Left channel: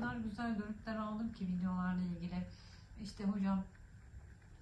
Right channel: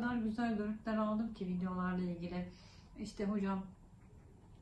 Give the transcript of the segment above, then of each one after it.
kadar güzel dönütler aldım ki videolarla ilgili. İşte hocam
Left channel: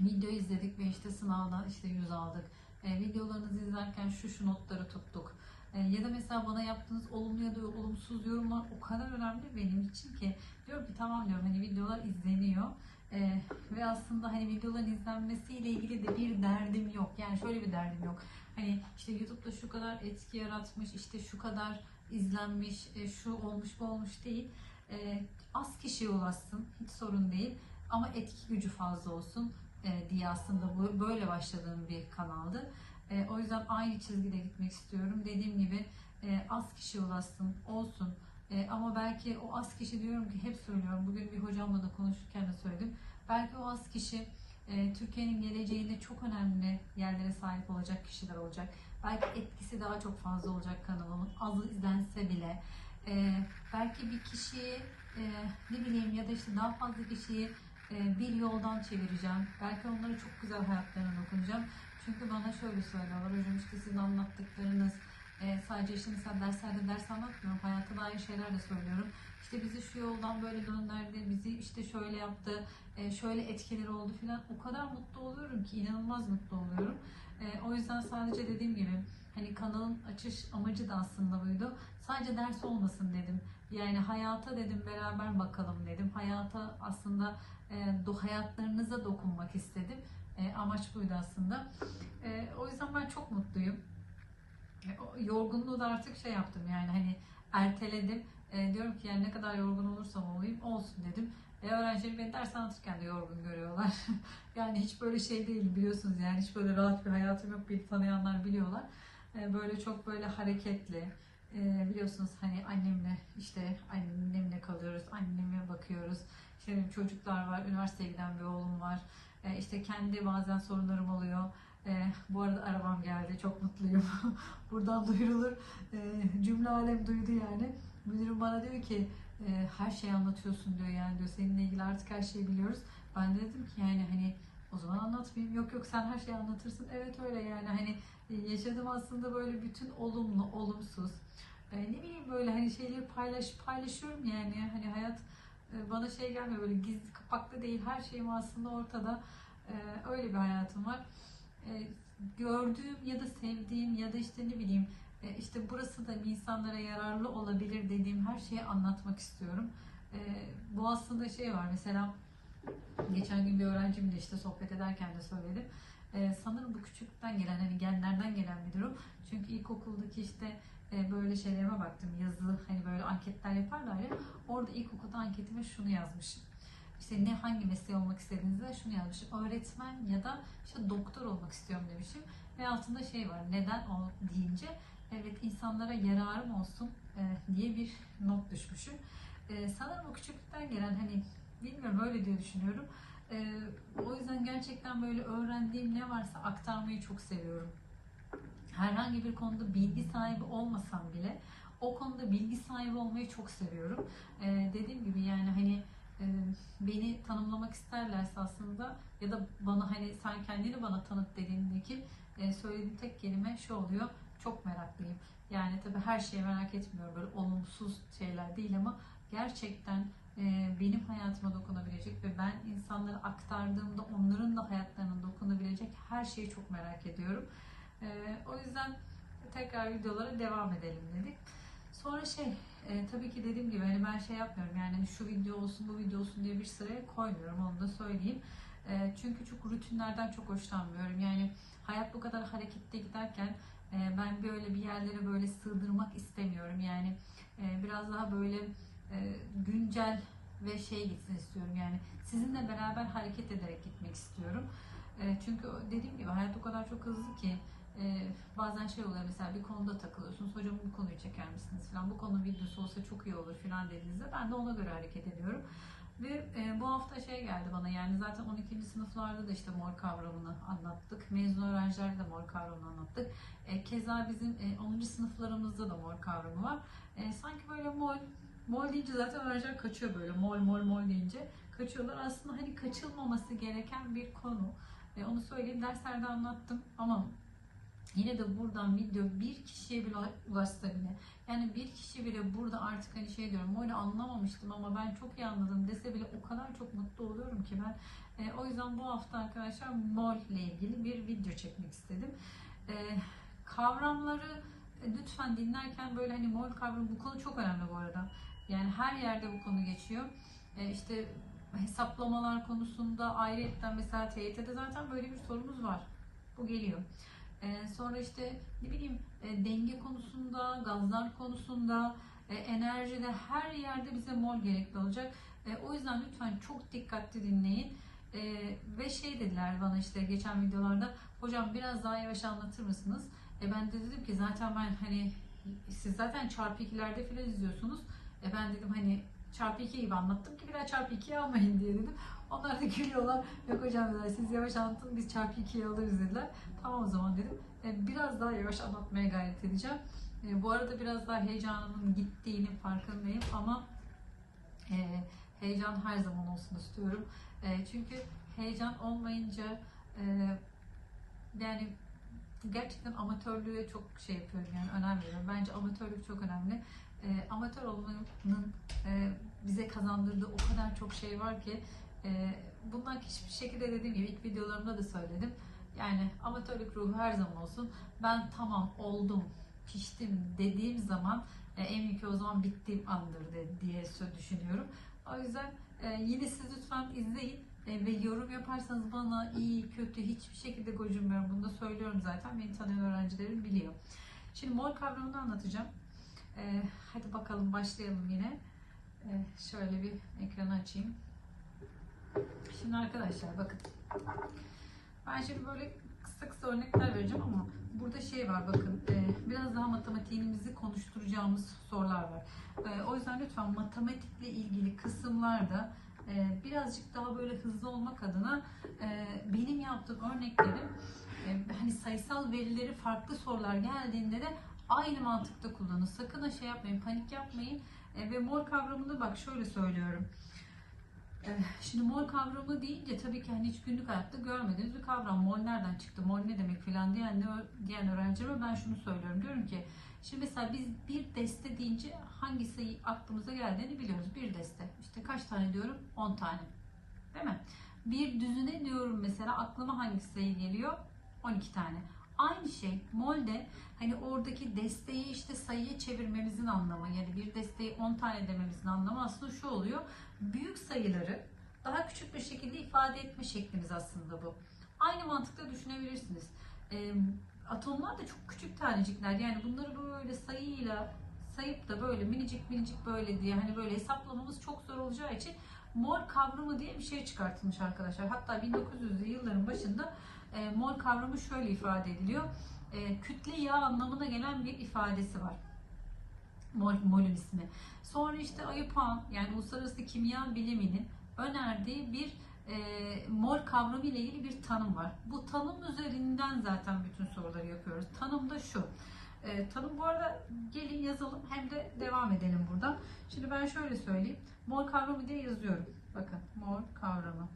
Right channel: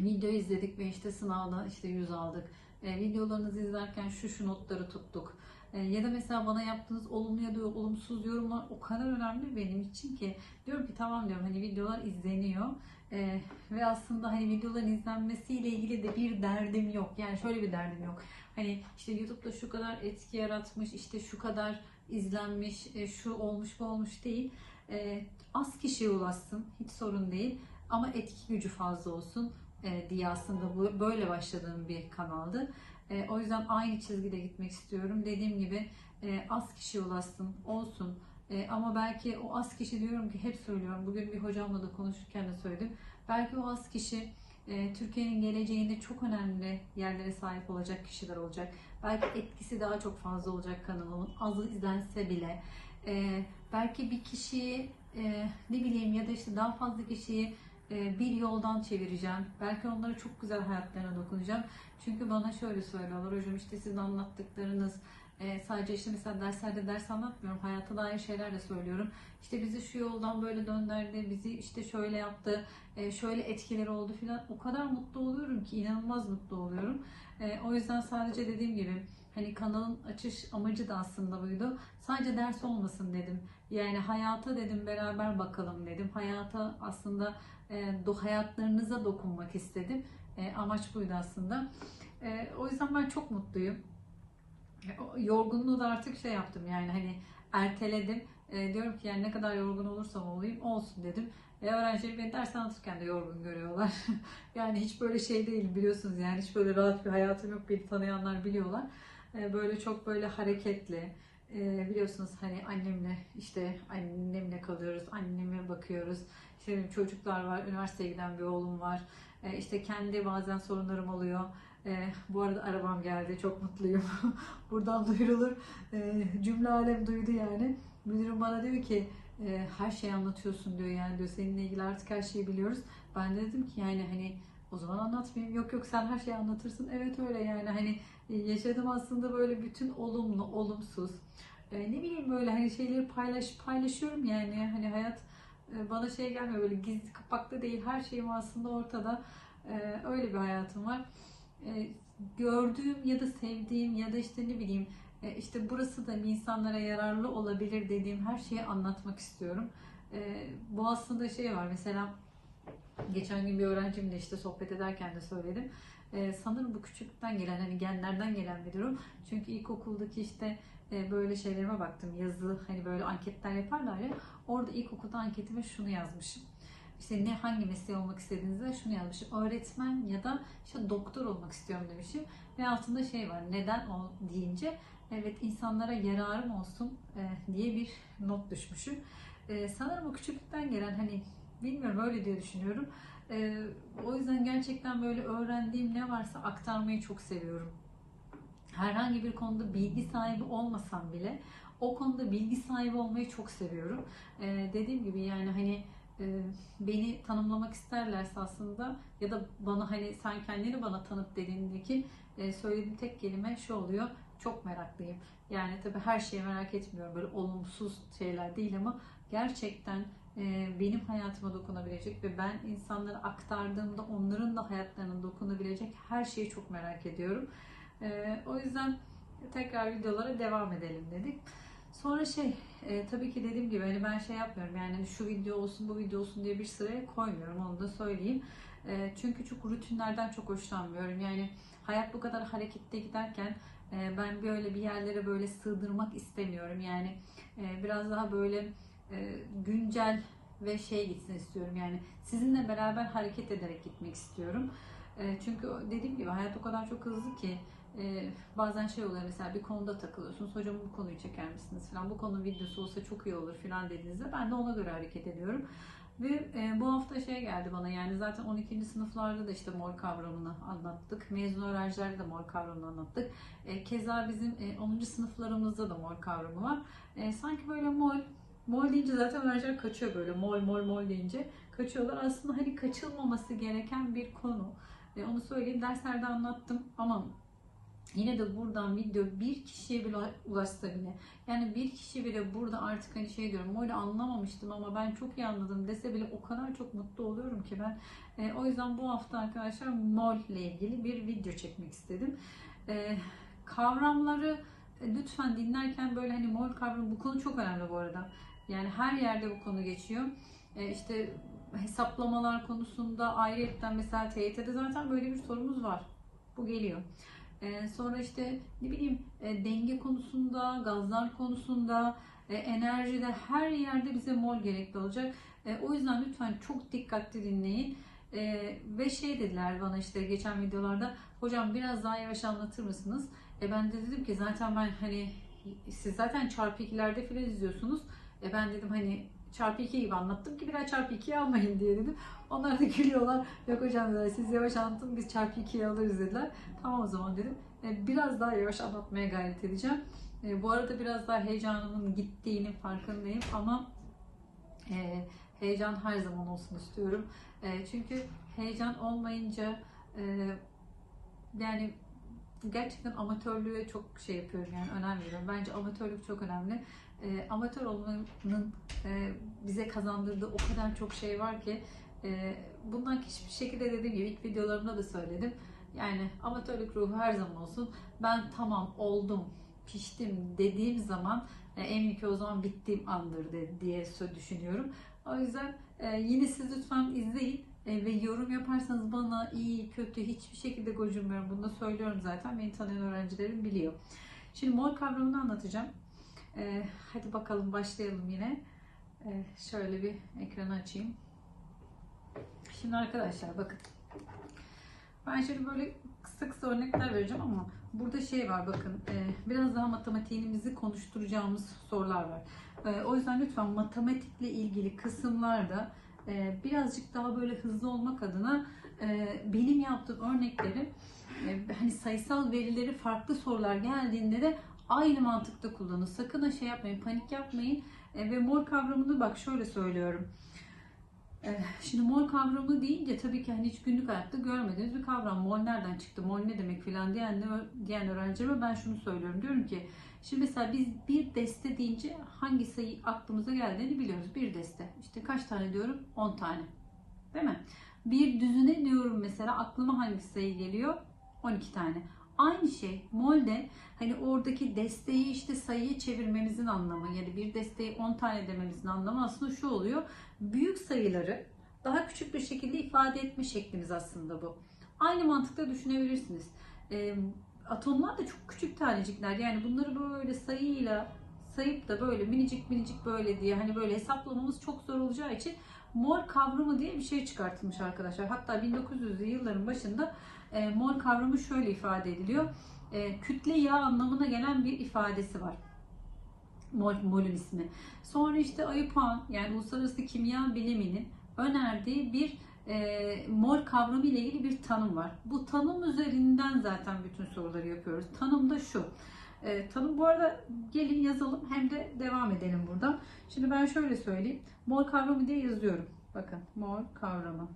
video izledik ve işte sınavda işte 100 aldık. E, videolarınızı izlerken şu şu notları tuttuk. E, ya da mesela bana yaptığınız olumlu ya da olumsuz yorumlar o kadar önemli benim için ki diyorum ki tamam diyorum hani videolar izleniyor E, ve aslında hani videoların izlenmesiyle ilgili de bir derdim yok. Yani şöyle bir derdim yok. Hani işte YouTube'da şu kadar etki yaratmış, işte şu kadar izlenmiş, e, şu olmuş bu olmuş değil. E, az kişiye ulaşsın hiç sorun değil ama etki gücü fazla olsun e, diye aslında bu böyle başladığım bir kanaldı. E, o yüzden aynı çizgide gitmek istiyorum. Dediğim gibi e, az kişi ulaşsın, olsun. E, ama belki o az kişi diyorum ki hep söylüyorum. Bugün bir hocamla da konuşurken de söyledim. Belki o az kişi e, Türkiye'nin geleceğinde çok önemli yerlere sahip olacak kişiler olacak. Belki etkisi daha çok fazla olacak kanalımın. Azı izlense bile. E, belki bir kişiyi e, ne bileyim ya da işte daha fazla kişiyi e, bir yoldan çevireceğim. Belki onlara çok güzel hayatlarına dokunacağım. Çünkü bana şöyle söylüyorlar hocam işte sizin anlattıklarınız e, sadece işte mesela derslerde ders anlatmıyorum. Hayata dair şeyler de söylüyorum. İşte bizi şu yoldan böyle döndürdü, bizi işte şöyle yaptı, e, şöyle etkileri oldu filan. O kadar mutlu oluyorum ki inanılmaz mutlu oluyorum. E, o yüzden sadece dediğim gibi hani kanalın açış amacı da aslında buydu. Sadece ders olmasın dedim. Yani hayata dedim beraber bakalım dedim. Hayata aslında e, do hayatlarınıza dokunmak istedim. E, amaç buydu aslında. E, o yüzden ben çok mutluyum. E, yorgunluğu da artık şey yaptım yani hani erteledim. E, diyorum ki yani ne kadar yorgun olursam olayım olsun dedim. Ve öğrencilerim beni ders anlatırken de yorgun görüyorlar. yani hiç böyle şey değil biliyorsunuz yani hiç böyle rahat bir hayatım yok beni tanıyanlar biliyorlar. E, böyle çok böyle hareketli. E, biliyorsunuz hani annemle işte annemle kalıyoruz, anneme bakıyoruz. İşte benim çocuklar var, üniversiteye giden bir oğlum var. E, işte kendi bazen sorunlarım oluyor. E, bu arada arabam geldi, çok mutluyum. Buradan duyurulur. E, cümle alem duydu yani. Müdürüm bana diyor ki e, her şeyi anlatıyorsun diyor yani diyor seninle ilgili artık her şeyi biliyoruz. Ben de dedim ki yani hani o zaman anlatmayayım. Yok yok sen her şeyi anlatırsın. Evet öyle yani hani yaşadım aslında böyle bütün olumlu, olumsuz. E, ne bileyim böyle hani şeyleri paylaş paylaşıyorum yani hani hayat e, bana şey gelmiyor böyle gizli kapaklı değil her şeyim aslında ortada. E, öyle bir hayatım var. E, gördüğüm ya da sevdiğim ya da işte ne bileyim e, işte burası da insanlara yararlı olabilir dediğim her şeyi anlatmak istiyorum. E, bu aslında şey var mesela geçen gün bir öğrencimle işte sohbet ederken de söyledim. E, sanırım bu küçüklükten gelen hani genlerden gelen bir durum. Çünkü ilkokuldaki işte e, böyle şeylerime baktım. Yazılı hani böyle anketler yaparlar ya. Orada ilkokulda anketime şunu yazmışım. İşte ne hangi mesleği olmak istediğinizde şunu yazmışım. Öğretmen ya da işte doktor olmak istiyorum demişim. Ve altında şey var. Neden o deyince evet insanlara yararım olsun e, diye bir not düşmüşüm. E, sanırım o küçüklükten gelen hani bilmiyorum öyle diye düşünüyorum. E, o yüzden gerçekten böyle öğrendiğim ne varsa aktarmayı çok seviyorum. Herhangi bir konuda bilgi sahibi olmasam bile o konuda bilgi sahibi olmayı çok seviyorum. E, dediğim gibi yani hani e, beni tanımlamak isterlerse aslında ya da bana hani sen kendini bana tanıt dediğindeki e, söylediğim tek kelime şu oluyor. Çok meraklıyım. Yani tabii her şeyi merak etmiyorum. Böyle olumsuz şeyler değil ama gerçekten benim hayatıma dokunabilecek ve ben insanlara aktardığımda onların da hayatlarına dokunabilecek her şeyi çok merak ediyorum. E, o yüzden tekrar videolara devam edelim dedik. Sonra şey e, tabii ki dediğim gibi hani ben şey yapmıyorum yani şu video olsun bu video olsun diye bir sıraya koymuyorum onu da söyleyeyim. E, çünkü çok rutinlerden çok hoşlanmıyorum. Yani hayat bu kadar harekette giderken e, ben böyle bir yerlere böyle sığdırmak istemiyorum. Yani e, biraz daha böyle e, güncel ve şey gitsin istiyorum. Yani sizinle beraber hareket ederek gitmek istiyorum. E, çünkü dediğim gibi hayat o kadar çok hızlı ki e, bazen şey oluyor mesela bir konuda takılıyorsunuz. Hocam bu konuyu çeker misiniz falan. Bu konunun videosu olsa çok iyi olur falan dediğinizde ben de ona göre hareket ediyorum. Ve e, bu hafta şey geldi bana yani zaten 12. sınıflarda da işte mor kavramını anlattık. Mezun öğrencilerde de mor kavramını anlattık. E, keza bizim e, 10. sınıflarımızda da mor kavramı var. E, sanki böyle mol, mol deyince zaten öğrenciler kaçıyor böyle mol mol mol deyince kaçıyorlar. Aslında hani kaçılmaması gereken bir konu. E, onu söyleyeyim derslerde anlattım ama Yine de buradan video bir kişiye bile ulaşsa bile yani bir kişi bile burada artık hani şey diyorum mole anlamamıştım ama ben çok iyi anladım dese bile o kadar çok mutlu oluyorum ki ben. E, o yüzden bu hafta arkadaşlar mol ile ilgili bir video çekmek istedim. E, kavramları lütfen dinlerken böyle hani mol kavramı bu konu çok önemli bu arada. Yani her yerde bu konu geçiyor. E, işte hesaplamalar konusunda ayrıyetten mesela TYT'de zaten böyle bir sorumuz var. Bu geliyor. Ee, sonra işte ne bileyim e, denge konusunda, gazlar konusunda, e, enerjide her yerde bize mol gerekli olacak. E, o yüzden lütfen çok dikkatli dinleyin. E, ve şey dediler bana işte geçen videolarda hocam biraz daha yavaş anlatır mısınız? E, ben de dedim ki zaten ben hani siz zaten çarpı ikilerde filan izliyorsunuz. E, ben dedim hani çarpı 2 gibi anlattım ki biraz çarpı 2'yi almayın diye dedim. Onlar da gülüyorlar. Yok hocam dediler, siz yavaş anlatın biz çarpı 2'yi alırız dediler. Tamam o zaman dedim. E, biraz daha yavaş anlatmaya gayret edeceğim. E, bu arada biraz daha heyecanımın gittiğinin farkındayım ama e, heyecan her zaman olsun istiyorum. E, çünkü heyecan olmayınca e, yani gerçekten amatörlüğe çok şey yapıyorum yani önem veriyorum. Bence amatörlük çok önemli. E, amatör olmanın e, bize kazandırdığı o kadar çok şey var ki e, bundan hiçbir şekilde dediğim gibi ilk videolarımda da söyledim. Yani amatörlük ruhu her zaman olsun. Ben tamam oldum, piştim dediğim zaman e, en büyük o zaman bittiğim andır de, diye düşünüyorum. O yüzden e, yine siz lütfen izleyin e, ve yorum yaparsanız bana iyi, kötü hiçbir şekilde gocunmuyorum. Bunu da söylüyorum zaten. Beni tanıyan öğrencilerim biliyor. Şimdi mol kavramını anlatacağım. E, hadi bakalım başlayalım yine. E, şöyle bir ekranı açayım. Şimdi arkadaşlar bakın. Ben şimdi böyle kısa kısa örnekler vereceğim ama burada şey var bakın e, biraz daha matematiğimizi konuşturacağımız sorular var. E, o yüzden lütfen matematikle ilgili kısımlarda e, birazcık daha böyle hızlı olmak adına benim yaptığım örnekleri hani sayısal verileri farklı sorular geldiğinde de aynı mantıkta kullanın. Sakın ha şey yapmayın, panik yapmayın. ve mol kavramını bak şöyle söylüyorum. Eh, şimdi mol kavramı deyince tabii ki hani hiç günlük hayatta görmediğiniz bir kavram. Mol nereden çıktı, mol ne demek filan diyen, diyen öğrencilerime ben şunu söylüyorum. Diyorum ki şimdi mesela biz bir deste deyince hangi sayı aklımıza geldiğini biliyoruz. Bir deste. İşte kaç tane diyorum? 10 tane. Değil mi? Bir düzine diyorum mesela aklıma hangi sayı geliyor? 12 tane. Aynı şey molde hani oradaki desteği işte sayıya çevirmemizin anlamı yani bir desteği 10 tane dememizin anlamı aslında şu oluyor. Büyük sayıları daha küçük bir şekilde ifade etme şeklimiz aslında bu. Aynı mantıkla düşünebilirsiniz. E, atomlar da çok küçük tanecikler. Yani bunları böyle sayıyla sayıp da böyle minicik minicik böyle diye hani böyle hesaplamamız çok zor olacağı için mol kavramı diye bir şey çıkartılmış arkadaşlar. Hatta 1900'lü yılların başında e, mol kavramı şöyle ifade ediliyor. E, kütle yağ anlamına gelen bir ifadesi var. Mol, molün ismi. Sonra işte IUPAC yani Uluslararası Kimya Bilimi'nin önerdiği bir e, mol kavramı ile ilgili bir tanım var. Bu tanım üzerinden zaten bütün soruları yapıyoruz. Tanım da şu. E, tanım bu arada gelin yazalım hem de devam edelim buradan. Şimdi ben şöyle söyleyeyim. Mol kavramı diye yazıyorum. Bakın mol kavramı.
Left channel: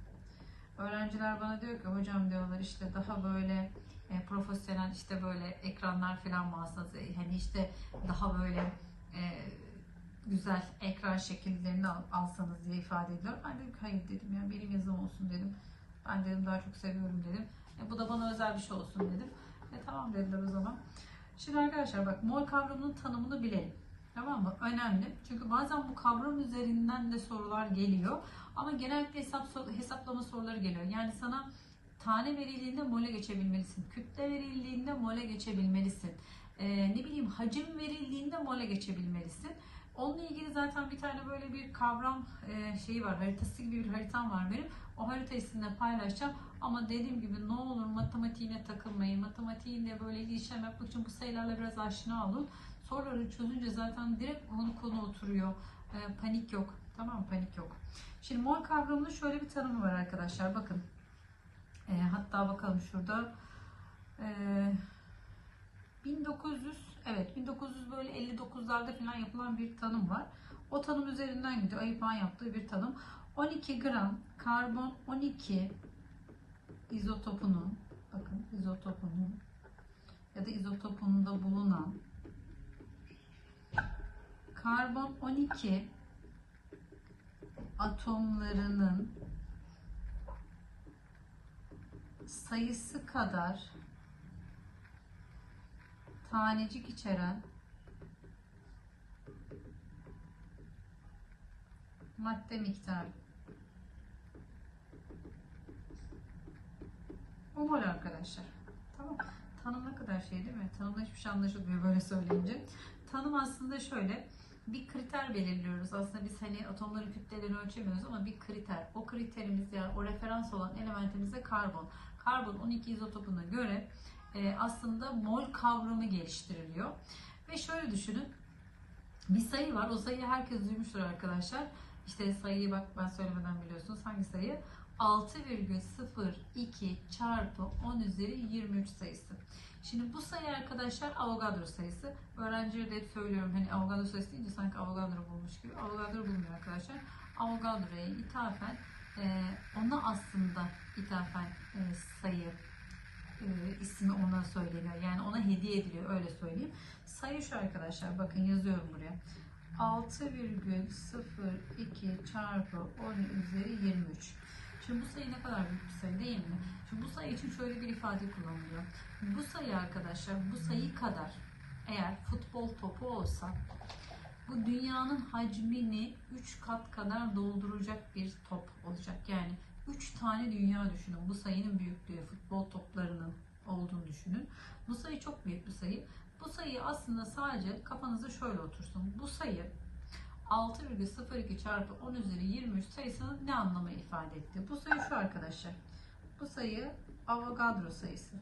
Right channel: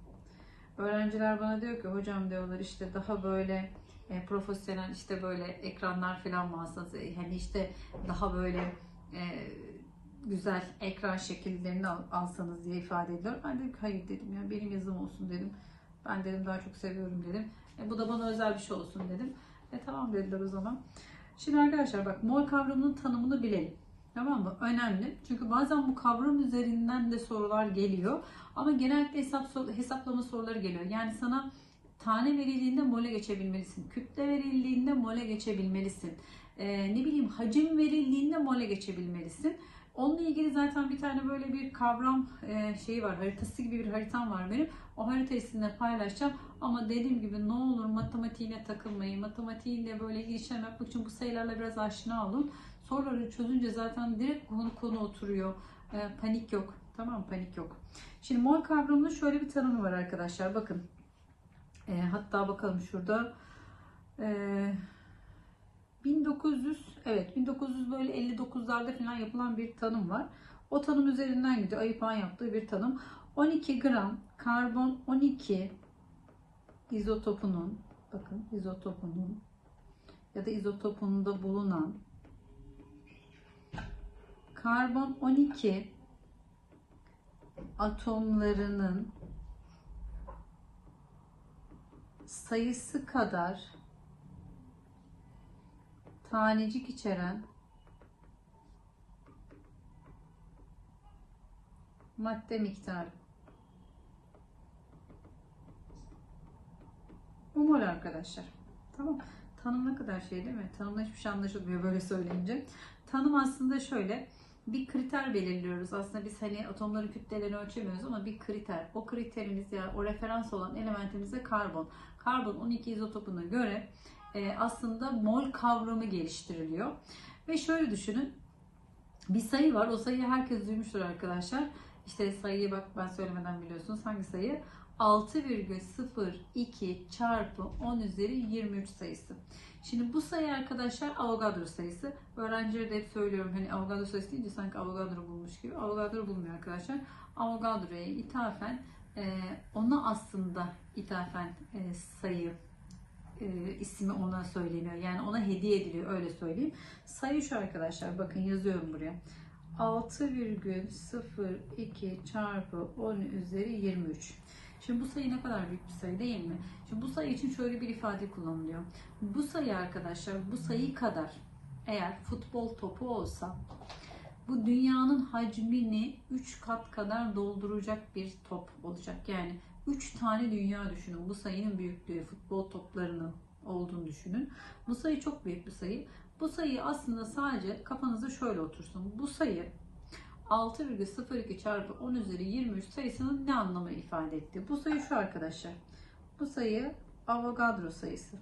Öğrenciler bana diyor ki hocam diyorlar işte daha böyle e, profesyonel işte böyle ekranlar falan e, hani işte daha böyle e, güzel ekran şekillerini al, alsanız diye ifade ediyor. Ben dedim ki hayır dedim ya benim yazım olsun dedim. Ben dedim daha çok seviyorum dedim. E, bu da bana özel bir şey olsun dedim. E tamam dediler o zaman. Şimdi arkadaşlar bak mol kavramının tanımını bilelim. Tamam mı? Önemli. Çünkü bazen bu kavram üzerinden de sorular geliyor. Ama genellikle hesap hesaplama soruları geliyor. Yani sana tane verildiğinde mole geçebilmelisin. Kütle verildiğinde mole geçebilmelisin. Ee, ne bileyim hacim verildiğinde mole geçebilmelisin. Onunla ilgili zaten bir tane böyle bir kavram e, şeyi var, haritası gibi bir haritam var benim. O haritayı sizinle paylaşacağım. Ama dediğim gibi ne olur matematiğine takılmayın. Matematiğinde böyle işlem yapmak için bu sayılarla biraz aşina olun. Soruları çözünce zaten direkt konu konu oturuyor. E, panik yok. Tamam panik yok. Şimdi mol kavramının şöyle bir tanımı var arkadaşlar. Bakın. E, hatta bakalım şurada. E, 1900 evet 1900 böyle 59'larda falan yapılan bir tanım var. O tanım üzerinden gidiyor. Ayıpan yaptığı bir tanım. 12 gram karbon 12 izotopunun bakın izotopunun ya da izotopunda bulunan karbon 12 atomlarının sayısı kadar tanecik içeren madde miktarı. Bu mol arkadaşlar. Tamam. Tanım ne kadar şey değil mi? Tanımda hiçbir şey anlaşılmıyor böyle söyleyince. Tanım aslında şöyle. Bir kriter belirliyoruz. Aslında biz hani atomların kütlelerini ölçemiyoruz ama bir kriter. O kriterimiz ya o referans olan elementimiz de karbon. Karbon 12 izotopuna göre aslında mol kavramı geliştiriliyor. Ve şöyle düşünün. Bir sayı var. O sayıyı herkes duymuştur arkadaşlar. İşte sayıyı bak ben söylemeden biliyorsunuz. Hangi sayı? 6,02 çarpı 10 üzeri 23 sayısı. Şimdi bu sayı arkadaşlar Avogadro sayısı. Öğrencilere de hep söylüyorum hani Avogadro sayısı deyince sanki Avogadro bulmuş gibi. Avogadro bulmuyor arkadaşlar. Avogadro'ya ithafen e, ona aslında ithafen e, sayı e, ismi ona söyleniyor. Yani ona hediye ediliyor öyle söyleyeyim. Sayı şu arkadaşlar bakın yazıyorum buraya. 6,02 çarpı 10 üzeri 23. Şimdi bu sayı ne kadar büyük bir sayı değil mi? Şimdi bu sayı için şöyle bir ifade kullanılıyor. Bu sayı arkadaşlar bu sayı kadar eğer futbol topu olsa bu dünyanın hacmini 3 kat kadar dolduracak bir top olacak. Yani 3 tane dünya düşünün. Bu sayının büyüklüğü futbol toplarının olduğunu düşünün. Bu sayı çok büyük bir sayı. Bu sayı aslında sadece kafanıza şöyle otursun. Bu sayı 6,02 çarpı 10 üzeri 23 sayısının ne anlamı ifade etti? Bu sayı şu arkadaşlar. Bu sayı Avogadro sayısı.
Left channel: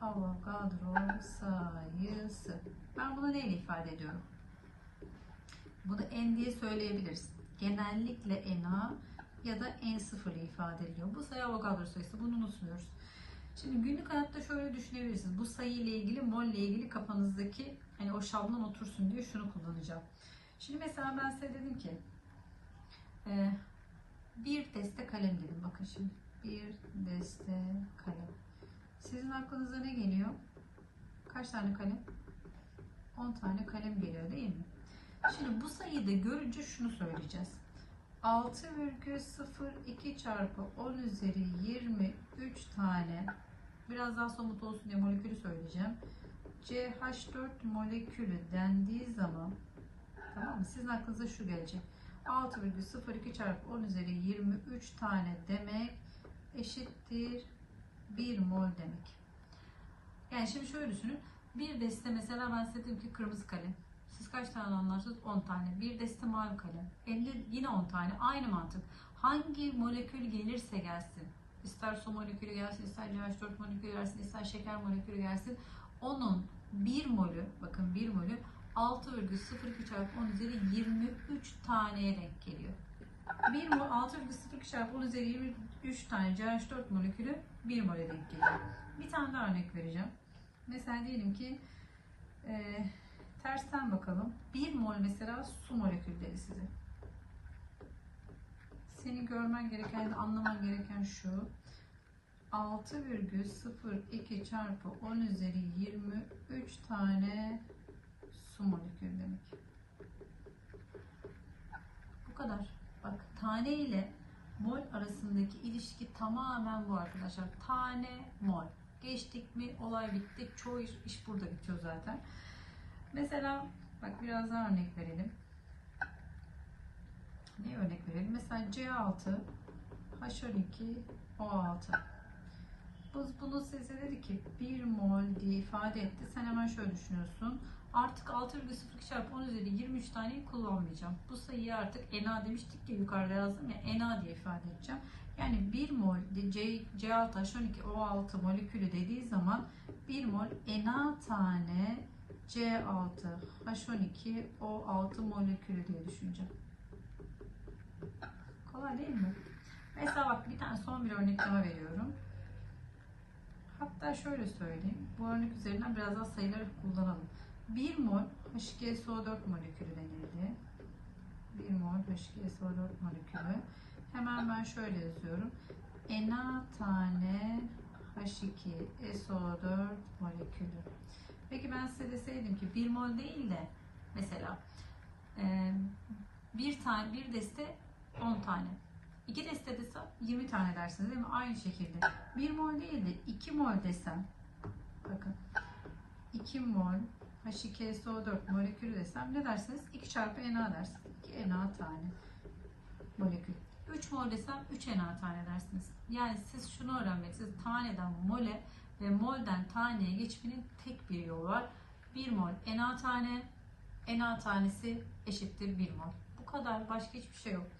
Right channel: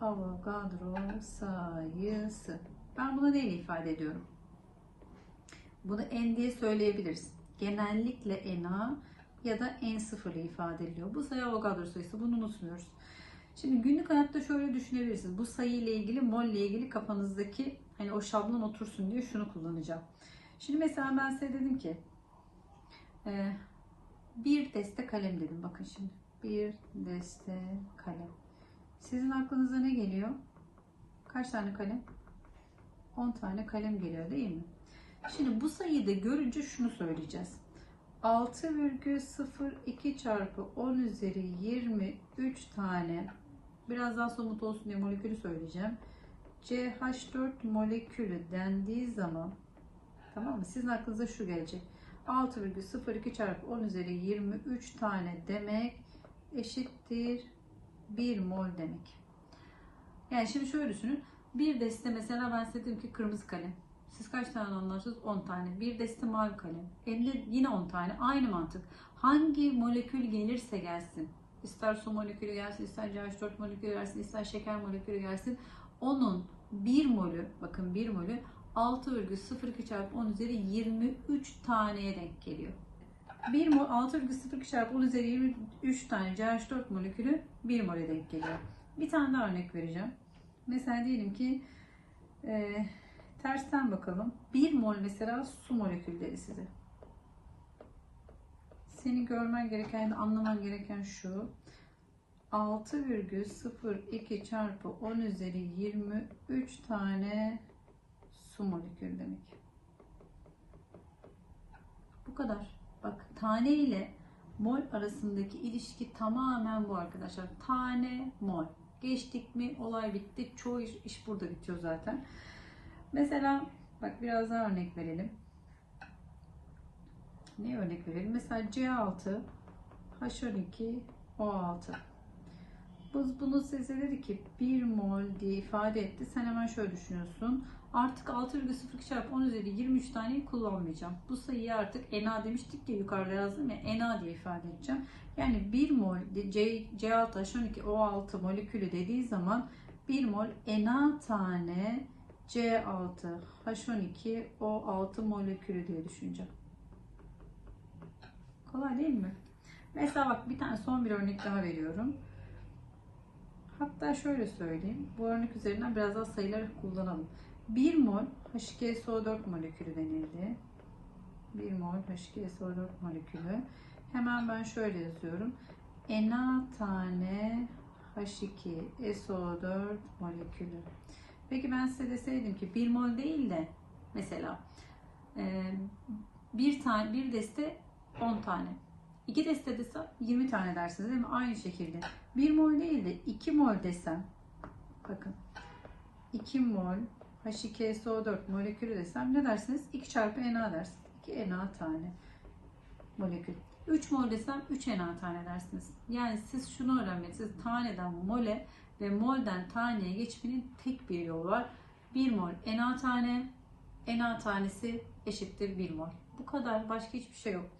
Avogadro sayısı. Ben bunu neyle ifade ediyorum? Bunu n diye söyleyebiliriz. Genellikle na ya da n0 ile ifade ediliyor. Bu sayı Avogadro sayısı. Bunu unutmuyoruz. Şimdi günlük hayatta şöyle düşünebilirsiniz. Bu sayı ile ilgili, mol ile ilgili kafanızdaki hani o şablon otursun diye şunu kullanacağım. Şimdi mesela ben size dedim ki e, bir deste kalem dedim. Bakın şimdi bir deste kalem. Sizin aklınıza ne geliyor? Kaç tane kalem? 10 tane kalem geliyor değil mi? Şimdi bu sayıyı da görünce şunu söyleyeceğiz. 6,02 çarpı 10 üzeri 23 tane biraz daha somut olsun diye molekülü söyleyeceğim. CH4 molekülü dendiği zaman tamam mı? Sizin aklınıza şu gelecek. 6,02 çarpı 10 üzeri 23 tane demek eşittir 1 mol demek. Yani şimdi şöyle düşünün. Bir deste mesela ben size dedim ki kırmızı kalem. Siz kaç tane anlarsınız? 10 tane. Bir deste mavi kalem. Elde yine 10 tane. Aynı mantık. Hangi molekül gelirse gelsin. İster su molekülü gelsin, ister CH4 molekülü gelsin, ister şeker molekülü gelsin. Onun 1 molü, bakın 1 molü 6,02 çarpı 10 üzeri 23 taneye denk geliyor. 1 mol 6,02 çarpı 10 üzeri 23 tane CH4 molekülü 1 mole denk geliyor. Bir tane daha örnek vereceğim. Mesela diyelim ki e, tersten bakalım. 1 mol mesela su molekülleri size. Seni görmen gereken, anlaman gereken şu. 6,02 çarpı 10 üzeri 23 tane su molekülü demek. Bu kadar. Bak tane ile mol arasındaki ilişki tamamen bu arkadaşlar. Tane mol. Geçtik mi olay bitti. Çoğu iş, iş burada bitiyor zaten. Mesela bak biraz daha örnek verelim. Ne örnek verelim? Mesela C6 H12 O6 Biz bunu size dedi ki 1 mol diye ifade etti. Sen hemen şöyle düşünüyorsun. Artık 6,02 çarpı 10 üzeri 23 taneyi kullanmayacağım. Bu sayıyı artık Na demiştik ki yukarıda yazdım ya Na diye ifade edeceğim. Yani 1 mol C, C6 H12 O6 molekülü dediği zaman 1 mol Na tane C6 H12 O6 molekülü diye düşüneceğim. Kolay değil mi? Mesela bak bir tane son bir örnek daha veriyorum. Hatta şöyle söyleyeyim. Bu örnek üzerinden biraz daha sayıları kullanalım. 1 mol H2SO4 molekülü denildi. 1 mol H2SO4 molekülü. Hemen ben şöyle yazıyorum. Na tane H2SO4 molekülü. Peki ben size deseydim ki 1 mol değil de mesela e, bir tane bir deste 10 tane. 2 deste desem 20 tane dersiniz değil mi? Aynı şekilde. 1 mol değil de 2 mol desem bakın 2 mol H2SO4 molekülü desem ne dersiniz? 2 çarpı Na dersiniz. 2 Na tane molekül. 3 mol desem 3 Na tane dersiniz. Yani siz şunu öğrenmelisiniz. Taneden mole ve molden taneye geçmenin tek bir yolu var. 1 mol Na tane, Na tanesi eşittir 1 mol. Bu kadar. Başka hiçbir şey yok.